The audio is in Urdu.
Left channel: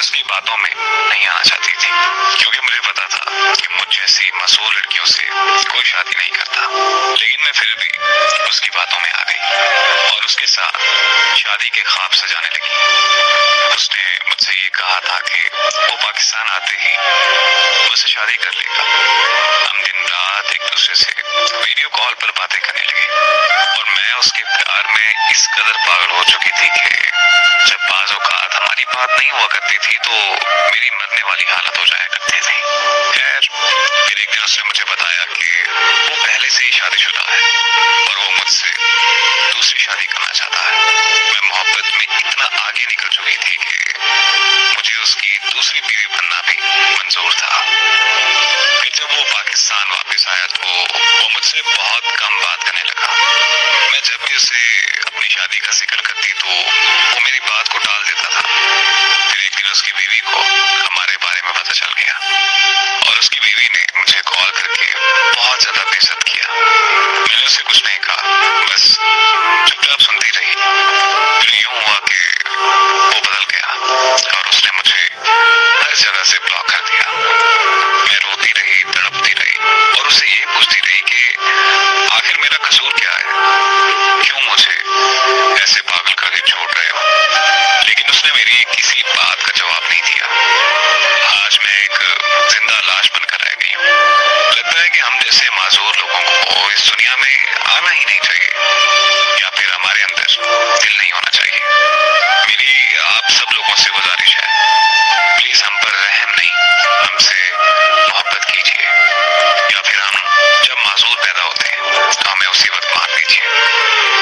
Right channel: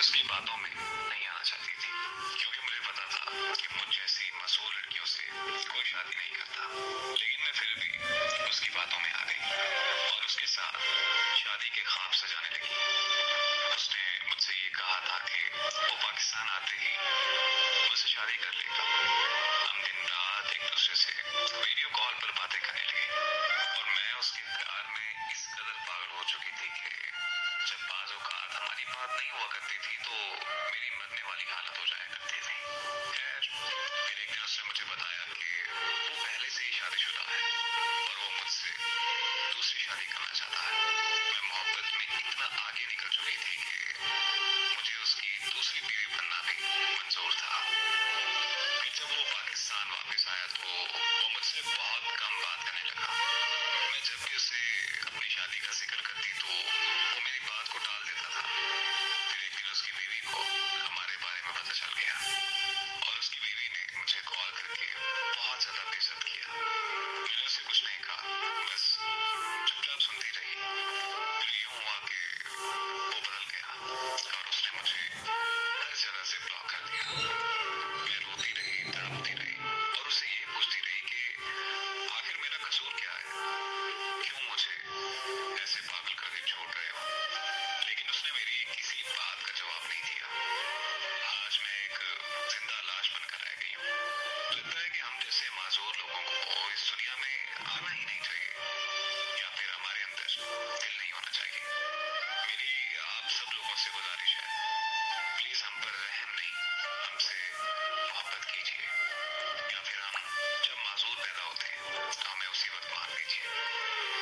اس کی باتوں میں نہیں آنا چاہتی تھی، کیونکہ مجھے پتا تھا کہ مجھ جیسی معصوم لڑکیوں سے کوئی شادی نہیں کرتا، لیکن میں پھر بھی اس کی باتوں میں آ گئی اور اس کے ساتھ شادی کے خواب سجانے لگی۔ اس نے مجھ سے یہ کہا تھا کہ وہ پاکستان آتے ہی مجھ سے شادی کر لے گا۔ ہم دن رات ایک دوسرے سے ویڈیو کال پر باتیں کرنے لگے اور میں اس کے پیار میں اس قدر پاگل ہو چکی تھی کہ جب بعض اوقات ہماری بات نہیں ہوا کرتی تھی تو میری مرنے والی حالت ہو جایا کرتی تھی۔ خیر پھر ایک دن اس نے مجھے بتایا کہ وہ پہلے سے ہی شادی شدہ ہے اور وہ مجھ سے دوسری شادی کرنا چاہتا ہے۔ میں محبت میں اتنا آگے نکل چکی تھی کہ مجھے اس کی دوسری بیوی بننا بھی منظور تھا۔ پھر جب وہ پاکستان واپس آیا تو وہ مجھ سے بہت کم بات کرنے لگا۔ میں جب بھی اسے اپنی شادی کا ذکر کرتی تو وہ میری بات کو ٹال دیتا تھا۔ پھر ایک دن اس کی بیوی کو ہمارے بارے میں پتہ چل گیا اور اس کی بیوی نے مجھے کال کر کے بہت زیادہ بے عزت کیا۔ میں نے اسے کچھ نہیں کہا، بس چپ چاپ سنتی رہی۔ پھر یوں ہوا کہ وہ بدل گیا اور اس نے مجھے ہر جگہ سے بلاک کر دیا۔ میں روتی رہی، تڑپتی رہی اور اسے یہ پوچھتی رہی کہ آخر میرا قصور کیا ہے، کیوں مجھے ایسے پاگل کر کے چھوڑ رہے ہو؟ لیکن اس نے میری کسی بات کا جواب نہیں دیا۔ آج میں ایک زندہ لاش بن کر رہ گئی ہوں۔ لگتا ہے کہ ہم جیسے معذور لوگوں کو اس دنیا میں آنا ہی نہیں چاہیے، یا پھر ہمارے اندر دل نہیں ہونا چاہیے۔ میری آپ سب لوگوں سے گزارش ہے، پلیز ہم پر رحم نہیں، ہم سے محبت کیجیے، یا پھر ہم جب معذور پیدا ہوتے ہیں تو ہمیں اسی وقت مار دیجیے۔